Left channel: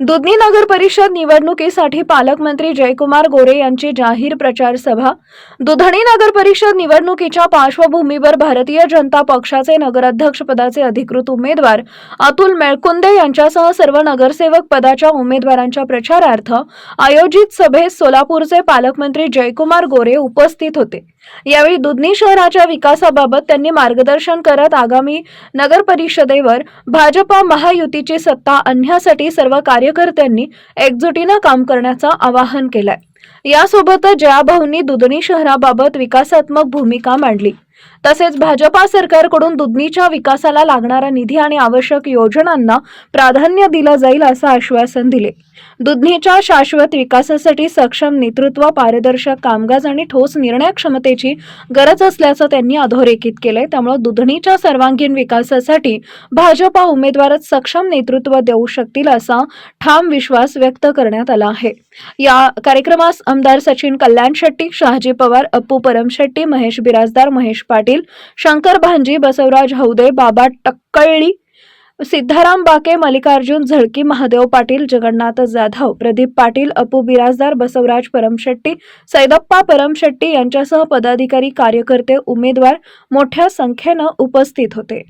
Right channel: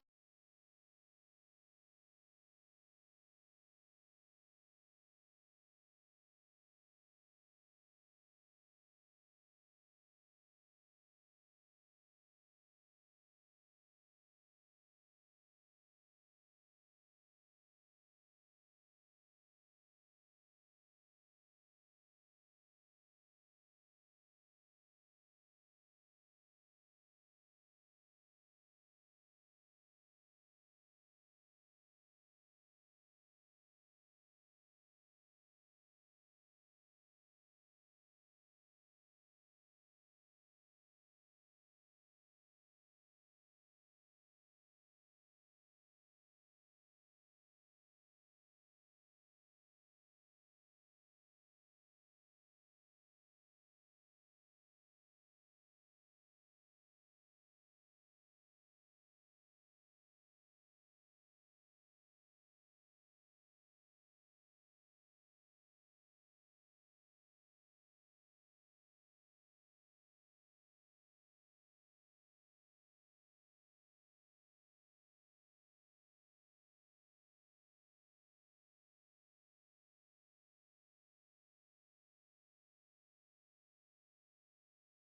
दुधनी नगर परिषद निवडणुकीसाठी पालकमंत्री जयकुमार गोरे यांची जाहीर प्रचार सभा. दुधणी नगर परिषद निवडणुकीच्या पार्श्वभूमीवर भारतीय जनता पक्षाचे नगराध्यक्ष पदाचे अधिकृत उमेदवार अतुल मेळकुंदे यांच्यासह सर्व नगरसेवक पदाच्या उमेदवारांच्या प्रचारार्थ आयोजित सभेत सोलापूरचे पालकमंत्री जयकुमार गोरे उपस्थित होते. यावेळी दुधनी शहराच्या विकासाबाबत त्यांनी मार्गदर्शन करत आगामी नगर परिषदेवर भाजपा महायुतीची सत्ता आणण्यासाठी सर्व कार्यकर्त्यांनी एकजुटीनं काम करण्याचं आवाहन केलंय. यासोबतच जयाभाऊंनी दुधनी शहराबाबत विकासात्मक भूमिका मांडली. तसेच भाजपा सरकारकडून दुधनीच्या विकासाला लागणारा निधी आणि आवश्यक योजनांना प्राधान्य दिलं जाईल असं आश्वासन दिले. दुधनीच्या शाश्वत विकासासाठी सक्षम नेतृत्व पारदर्शक कामकाज आणि ठोस निर्णय क्षमतेची गरज असल्याचं त्यांनी अधोरेखित केलंय. त्यामुळे दुधनीच्या सर्वांगीण विकासासाठी भाजपा उमेदवारच सक्षम नेतृत्व देऊ शकतील असा ठाम विश्वास व्यक्त करण्यात आला आहे. या कार्यक्रमास आमदार सचिन कल्याण शेट्टी शहाजी पवार अप्पू परमशेट्टी महेश बिराजदार महेश पाटील शंकर भांजी बसवराज हौदे बाबा टक्कळी सिद्धाराम बाके मल्लिकार्जुन झळकी महादेव पाटील जगन्नाथ जाधव प्रदीप पाटील अपू बिराजदार बसवराज परमशेट्टी सैदप्पा परमशेट्टी यांच्यासह पदाधिकारी कार्यकर्ते उमेदवार मोठ्या संख्येनं उपस्थित होते.